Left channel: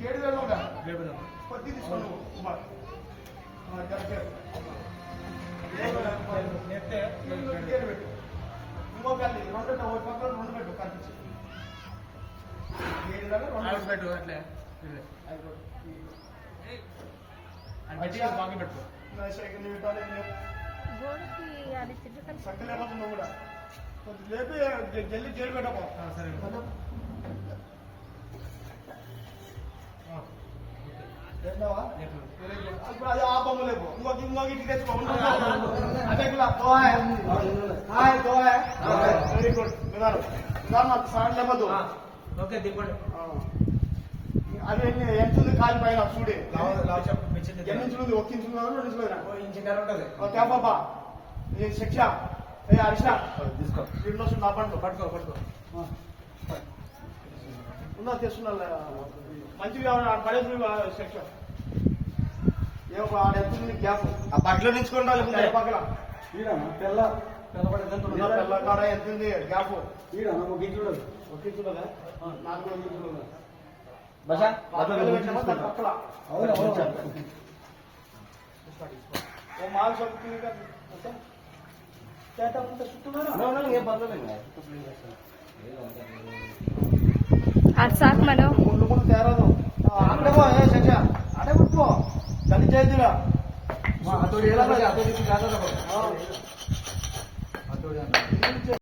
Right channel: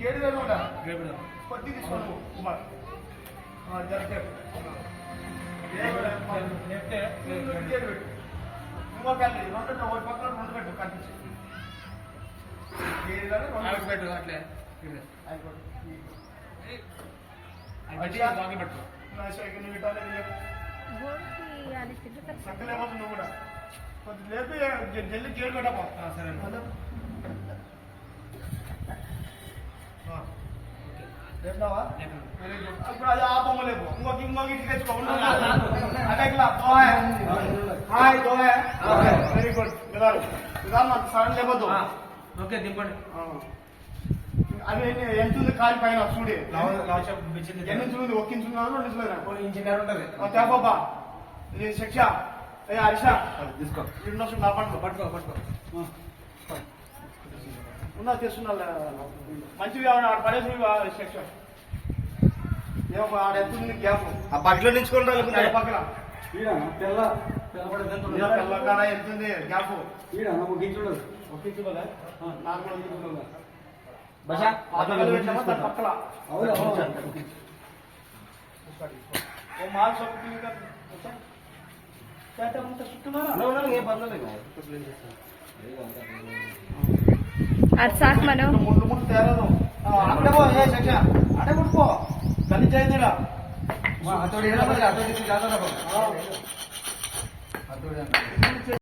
గేడు వేరు కొద్ది తీసుకోండి ఇంకో క్యాలరీ రెండు ఒకటి పక్కన రెండు పెట్టు కనిపించి గేడు పెట్టు అట్లే పెట్టు సక్కలేకపోతే నువ్వు కూడా కొంచెం లేపి జల్లి గేడు పెట్టపో సరే ఇప్పుడు అది ఆ బొమ్మ లేపు ఇంకొక ఇంటికి తెచ్చుకో అదే హాయ్ దో వెరీ గుడ్ సడన్ లేపద్దు ఓకే దింపండి అది ఎంత ఉంది కాలి పైన చూడే ఎన్ని నుంచి ఉంది ఒక్క ఇంచు రెండు ఉంటుంది తేపబ్బా ఇది శిక్ష ఏ హరిష తీసుకో రెండు వస్తుంది నా పట్టుకో ఉన్నా తెస్తున్నా మంచిగా పడేసి శిక్ష ఏమో ఆడ ఎంత గ్యాప్ ఆ బట్టలో నించుకొని పక్కన తెల్ల కాడ ఎంత ఉంది గ్యాప్ ఒక్కించుడు పక్కల మాల్ సాక్ మనం ముందు తేరదు అక్కడే పో శిక్ష అడే పట్టుకో గల్లి చేయదురా అతోడి